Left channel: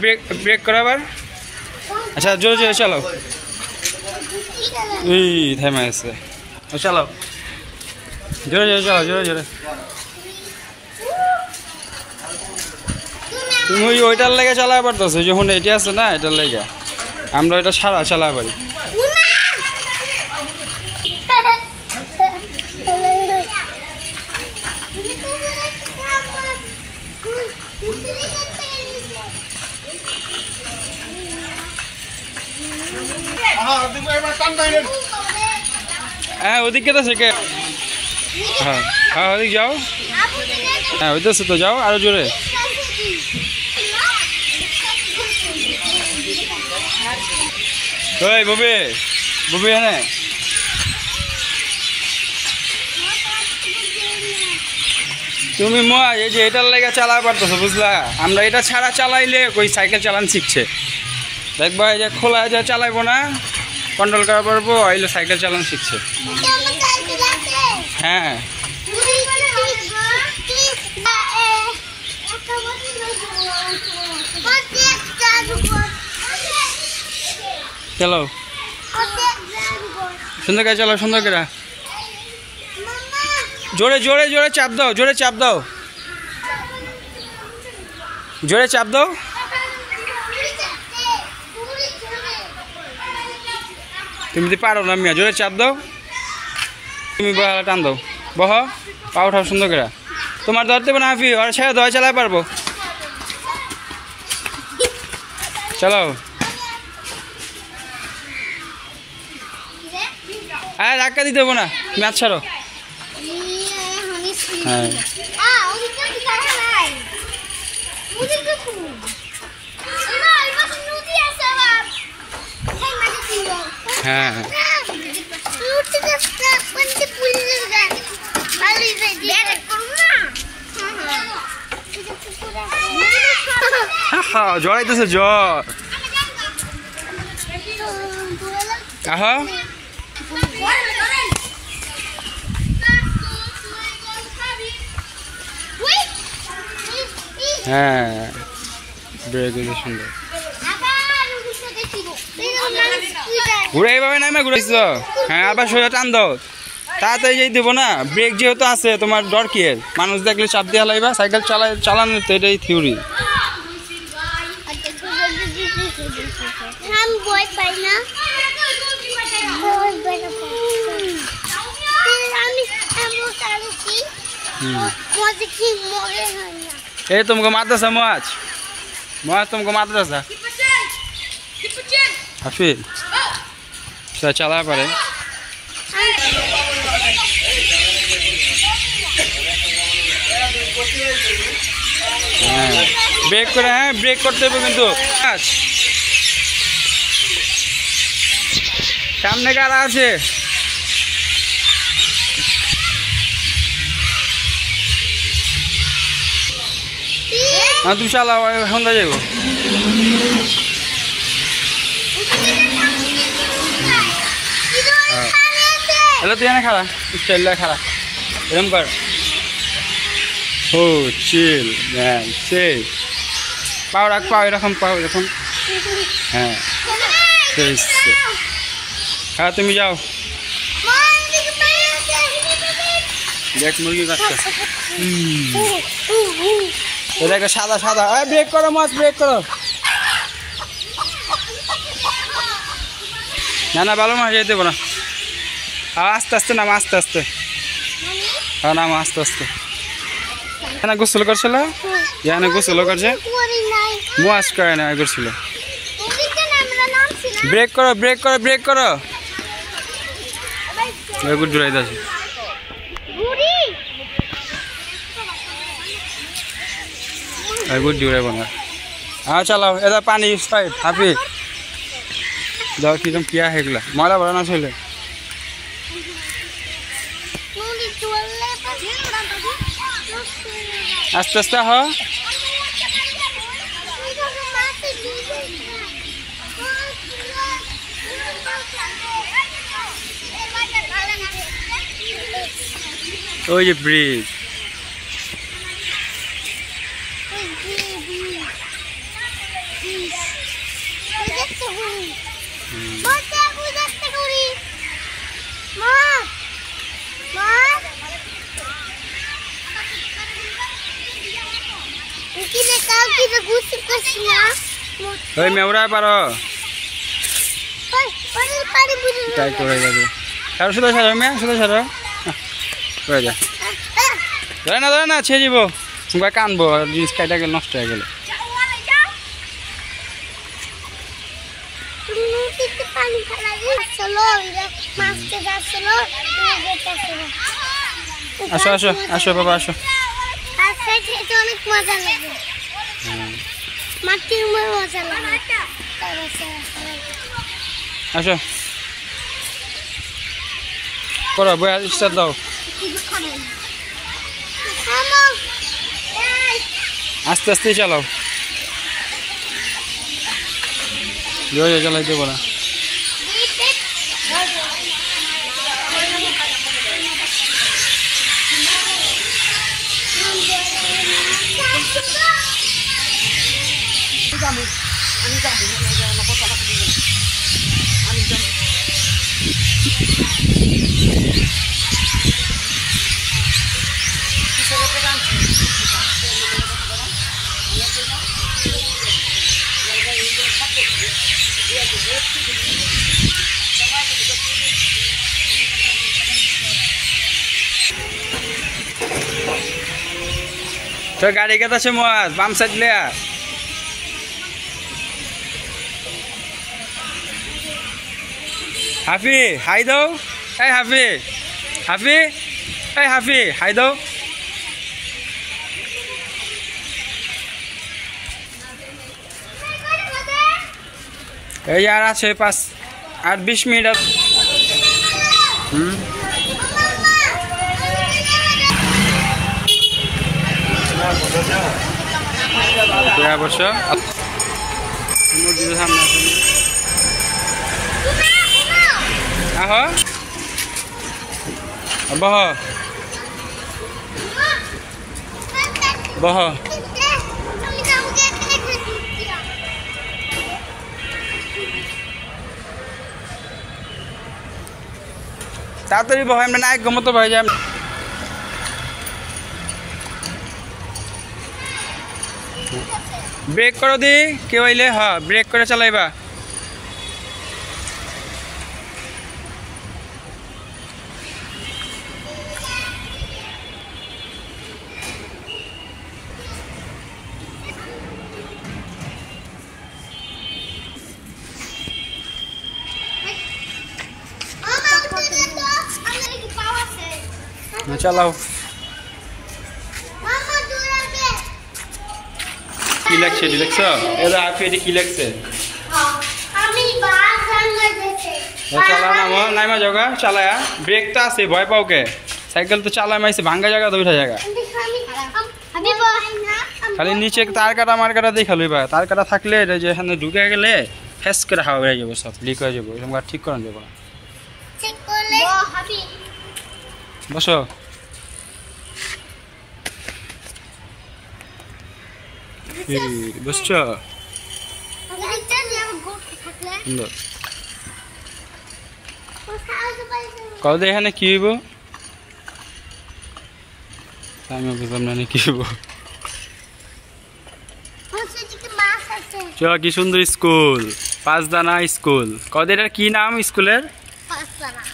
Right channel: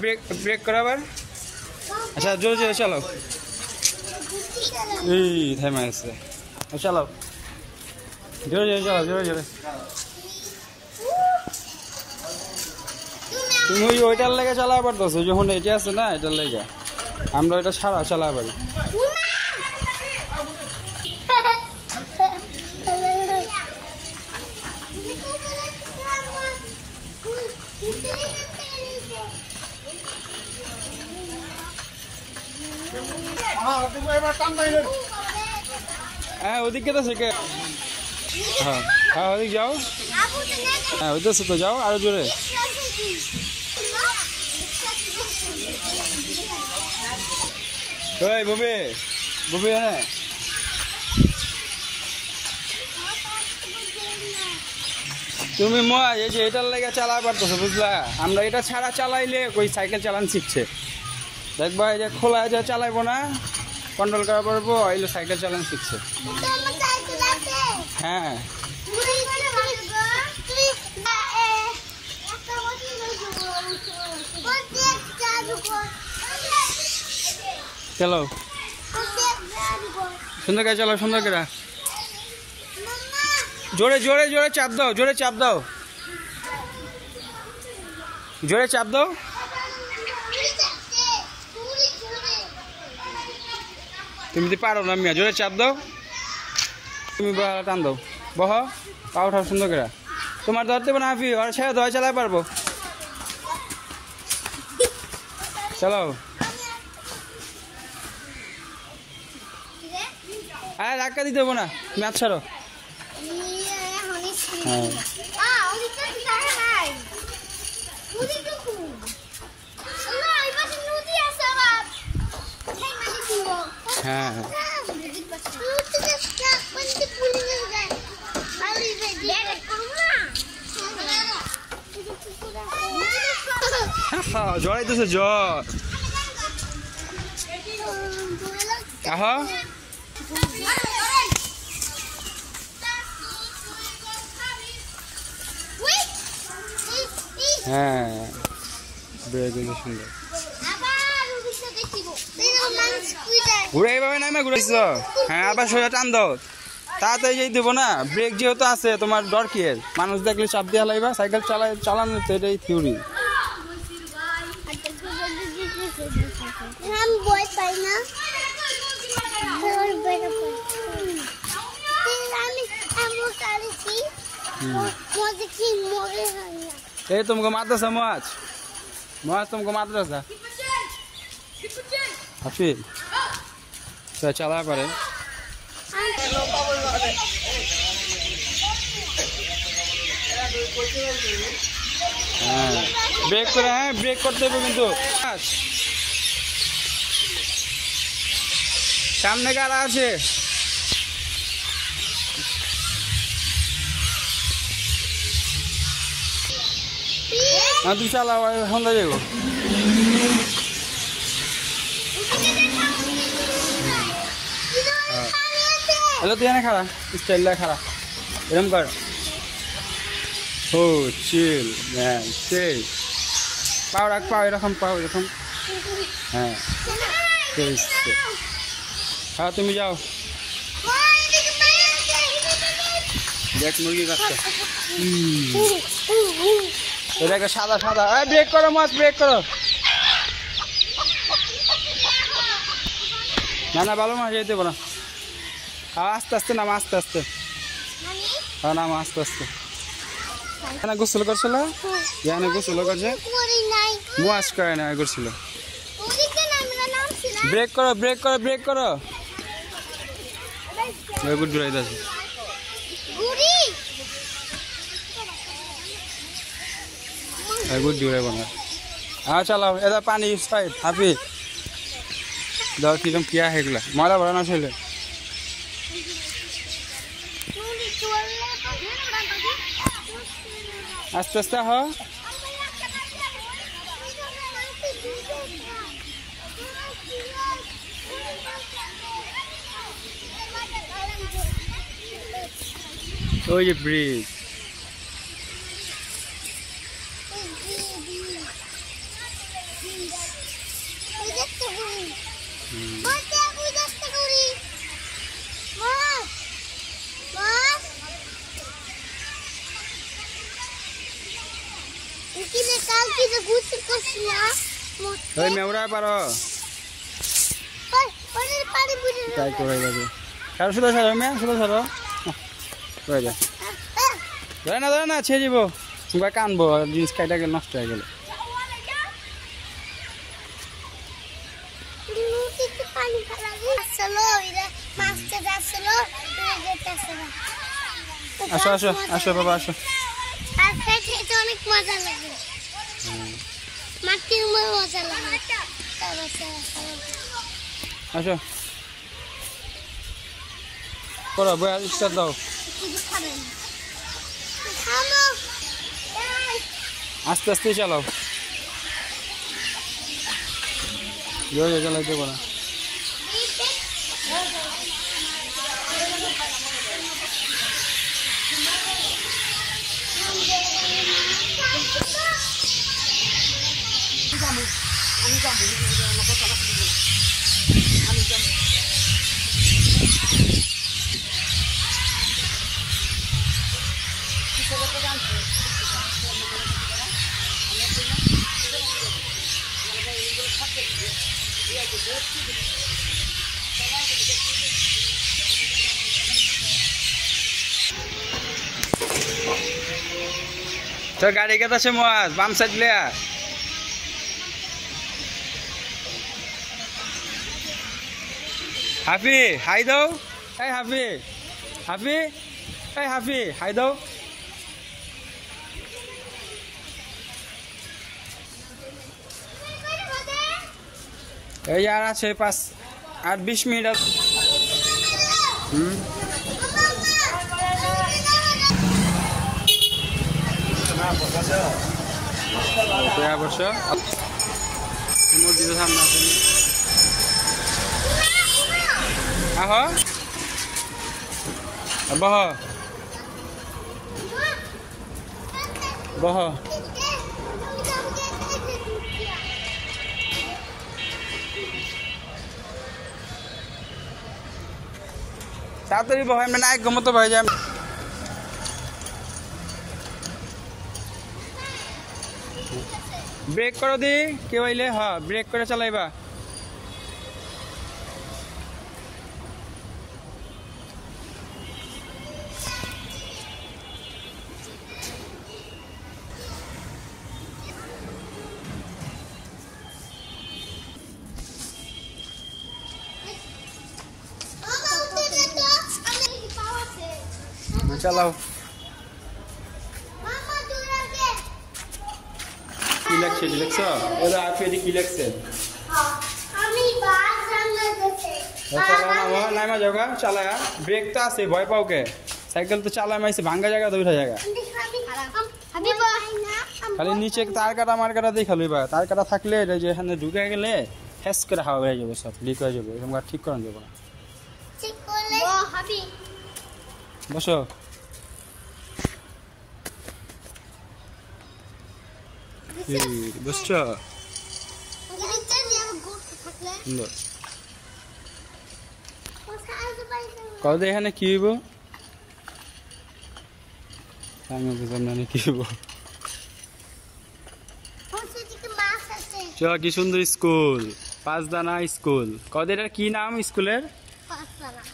Break break করো আবার। আচ্ছা জোরে জোরে চালাও। থেমে গেছে। চালাও জোরে জোরে চালাও, জোরে জোরে। তুমি ওইটার লেগে চালাতে পারতেছো, যখন এটি আছে না এটার লেগে আমরা এটা সারা চালাতে পারি। হ্যাঁ ওদিকে তো শেখে। হ্যাঁ হ্যাঁ ওদিক যাও। হ্যাঁ ওই তো যাও আরো জোরে। ওই ববি ববি হ্যাঁ তুমি এই যে এটার লেগে চালাতে পারতেছো বুঝলা। আমরা এটা ছাড়া চালাইলে ওই সাইকেল চালান শিখছে, দেখবা এই যে খোলা যা চালাইবো না কন্ট্রোল করা পারবো, আইলে সাইকেল চালান শিখছে। হ্যাঁ চলো সুন্দর করে চলো, সুন্দর করে জোরে জোরে জোরে চাপ দাও, জোরে চাপ দাও, জোরে চাপ দাও। তুমি তো পারো না মিয়া, জোরে চাপ দাও। তুমি বহালা টান দাও, বহ পা উঠাও সুন্দর করে। তোমার ধরতে পারো না হাফি, ওরা ছেড়ে দেওয়া চালাই পারবো। চলো আরে ধাক্কা দিতে দেবো না, ম্যাচ ছাড়ো। হ্যাঁ হ্যাঁ জড়াইতেছে জ্বর। আহা হ্যাঁ বেড়ে সুন্দর ঘুরে এইভাবে নামে ঘুরেছ। হ্যাঁ আবার সোজা টান দাও, তাড়াতাড়ি যেই দেবো না। ব্রেক যেহেতু আছে তোমার ডর কি এর, মানুষ দেখলে চাপ দিয়ে লাইবা। সাইকেল চালানো তো এটাই থিওরি। ये तुमको माद्रासा मुआज मुआज तुमको माद्रासा हाफिज चला पड़े। ब्रेक करे हैं, ब्रेक करते हुए किन्तु सामने कारा आछे। हाँ तुम चालाओ होंदा जाइबो। अल्लाह तू जाने खड़ा स्टाइल ला खड़ा एरम कर। हो चिल मैन से पाव रख, पाव एरकम पाव एरकम। हाँ हाँ तुम जाओ देख मुर्गी काटते। देखो सादा सादा ब्रेक करो मस्त ब्रेक करो ना ना भालो मास যেতে না। আস্তে আস্তে নাম আস্তে আস্তে। হ্যাঁ নাম আস্তে আস্তে। না গোসল করছিল ইয়ানে গোসল করছে মুয়াজ করে না করছিল। ব্রেক করো ব্রেক করো ব্রেক করো। গুড ড্রাইভ আছে गुड ड्यूरे बना। हाँ चलाओ इधर पानी स्पाइट हाफी दो कि तुम किया है गला मारा बड़ा ना चले। आस्ते आस्ते हो ओ ये ब्रिज ওই মেউরা পারো ট্রাই করে যাবে আর শুধু ছাড়ো মেয়ে শুধু ছাড়ো করে যা ধরে না ছেড়ে দিব তোমরা কানবো আর জিনিস কাটা গেলে নষ্ট হয়ে গেলে আসো আসো আসো বাবা আসো অনেক মজা লাগে মাটির মজা লাগে আসো করো বই স্টার্ট দাও আস্তে আস্তে চালাও জোরে চালাইতে পারো তো গাড়ি কেটে আছে মোয়াজ বাম সাইড লিয়া হাফি হাই দাও এই হাফি হাফি এই হাফি হাই দাও এই আর আছে 5-20 মিনিট অবশ্য আহ বহ বহ তাড়াতাড়ি বহ আমরা না গমতো ভাই যাই ব্রেক করো দি কেউ আইলে হ্যাঁ ব্রেক করে চালাইবা চালাও কি লাগছে দেখছ এটা আপনি কি লাগছে নাইমা জায়গা চালায়া ব্রেক তো আছে ভয় পাও কে সাইকেল তো চালায় মাইছে ভাঙ্গা জায়গা তো উঠা জায়গা খালি নিচে তার কাটা মার কাটা দেখা লইবা তার কাটা থাকলে যে এখানে ঢুকে গেলে ফেস করে হাওয়া হয়ে যাবো সব লিক হয়ে যাবো এরকম ঠিক করে দেবো বসো বুঝছো কত এখানে কি হইব আমি বুঝলাম না কি হইব চলো কি সুন্দর স্কুল 5 দানা স্কুল কত এটার কি নাম স্কুলের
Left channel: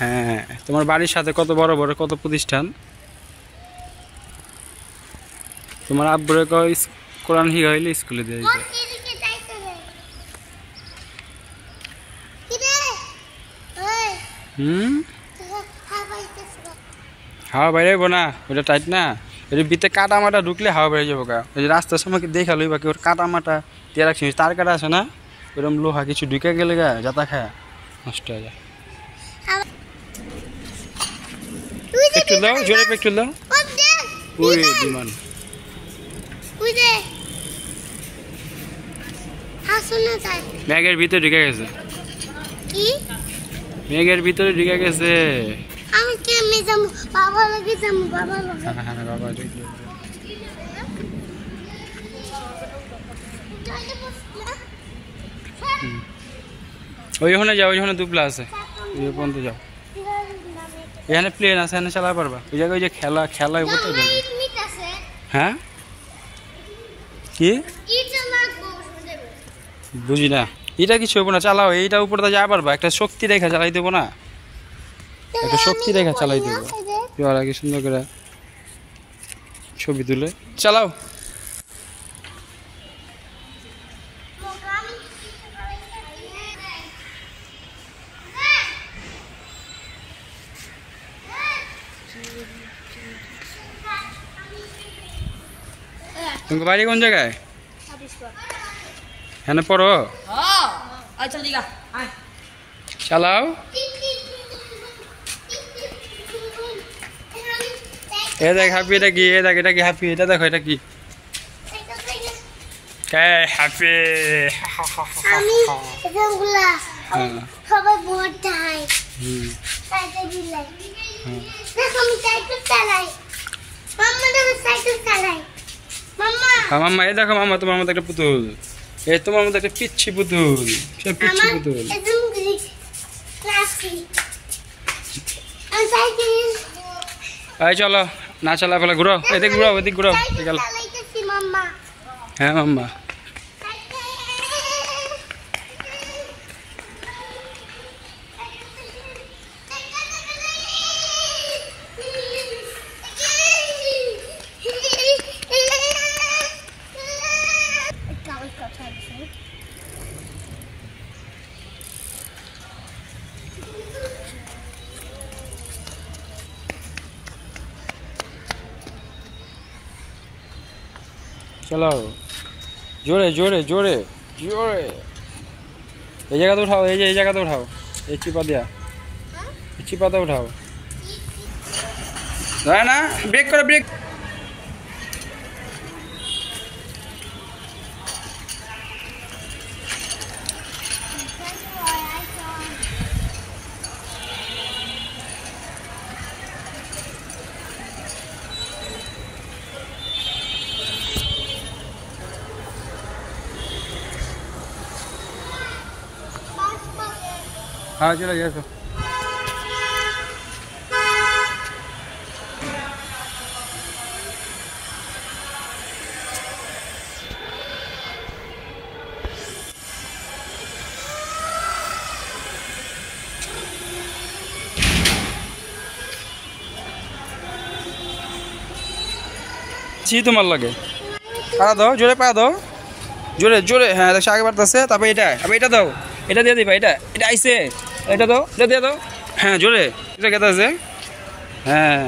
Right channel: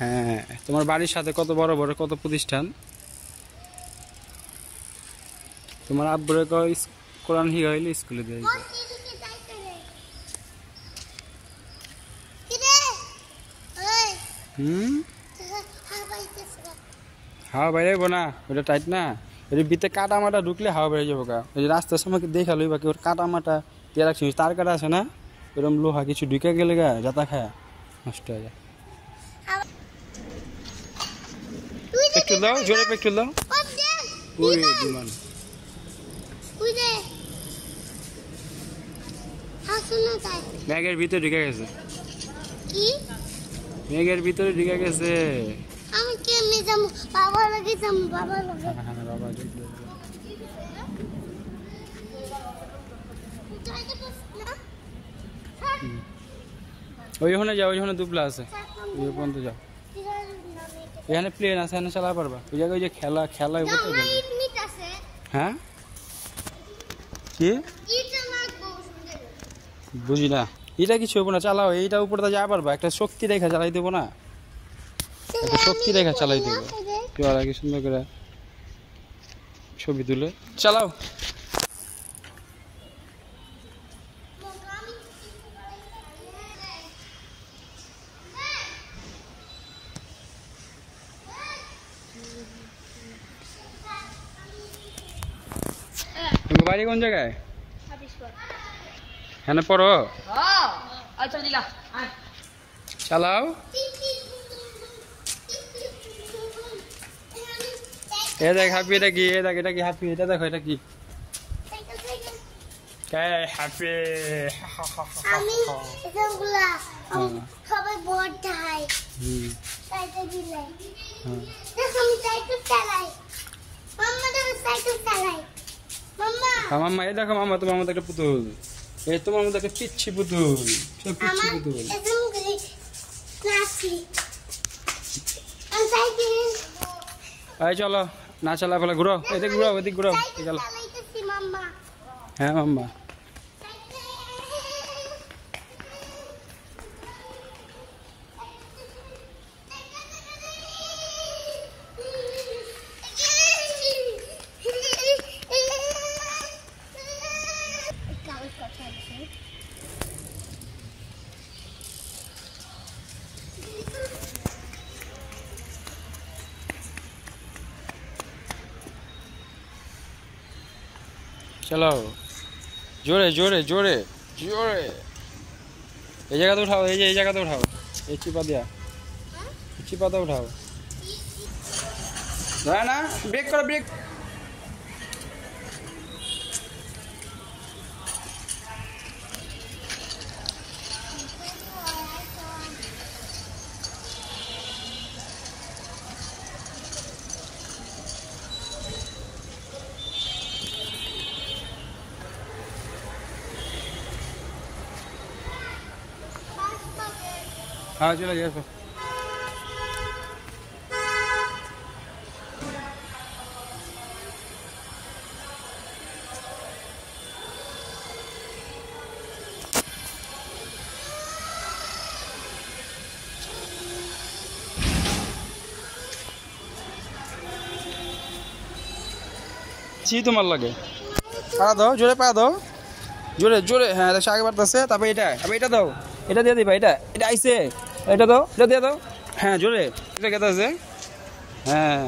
হ্যাঁ তোমার বাড়ির সাথে কত বড় বড় কত প্রতিষ্ঠান তোমার আব্বুরে কোরআন হি হইলে স্কুলে দিয়ে দিতে হাওয়া বাইরে না ওটা টাইট না এর ভিতরে কাটা মাটা ঢুকলে হাওয়া বাইরে যাবো গা ওই যে রাস্তার সময় দেখা লইবা কি ওর কাটা মাটা দিয়ে রাখছি তার কাটা আছে না এরকম লোহা কিছু ঢুকে গেলে গা যাতা খায় নষ্ট হয়ে যায় একটু দাও জোরে একটু দাও ওই বিমান ব্যাগের ভিতরে ঢুকে গেছে ব্যাগের ভিতরে ঢুকে গেছে আমি কেমনে যাবো বাবা লাগে যাবো বাবা লাগে হ্যাঁ বাবা ওইখানে যাও, ওইখানে দুপলা আছে, ওই পর্যন্ত যাও। এখানে প্লেন আছে, এখানে চালাতে পারবা। ওই জায়গায় ওই যে খেলা খেলা উপরে যাবে। হ্যাঁ কি বুঝি না, এটা কিছু হবো না, চালাও। এইটা উপরে তো যা পারবা, একটা শক্তি রেখা চালাই দেবো না, একটা শক্তি রেখা চালাই দেবো। কি আর কি সুন্দর করে ছবি তুলে চালাও। তুমি বাড়ি কোন জায়গায়? হ্যাঁ পড়ো, চালাও। এ দেখ হ্যাপি, এটা কি? এ দেখ এটা কি হ্যাপি? এটা দেখো এটা কি? হ্যাপি। আমি এগুলা সবাই ভোট দেয় সাইকেল বিলাই। দেখো আমি সাইকেল চালাই, মাম্মা দেখো সাইকেল চালাই। মাম্মা মাম্মা এই দেখো, মাম্মা তোমার মতো একটা পুতুল, এই তোমার মতো একটা পিচ্ছি পুতুল, সে পিচ্ছি পুতুল। এই চলো না চালা ফেলা, ঘুরো এদিক, ঘুরো এদিক, ঘুরো। হ্যাঁ মাম্মা, চালাও জোরে জোরে জোরে জোরে। এই জায়গাতে উঠাও, এই যে এই জায়গাতে উঠাও, এই চিপা দিয়া, এই চিপাতে উঠাও। না না, ব্রেক করো, ব্রেক। हाँ चलो ये तो জি তোমার লাগে পা দাও, জোরে পা দাও, জোরে জোরে। হ্যাঁ দেখো আগে বাড়তেছে, তারপরে এটা, আবার এটা দাও, এটা দিয়ে দিবা, এটা এটা আইসে, এটা দাও, এটা দিয়ে দাও। হ্যাঁ জোরে, এটা কেটে আছে। হ্যাঁ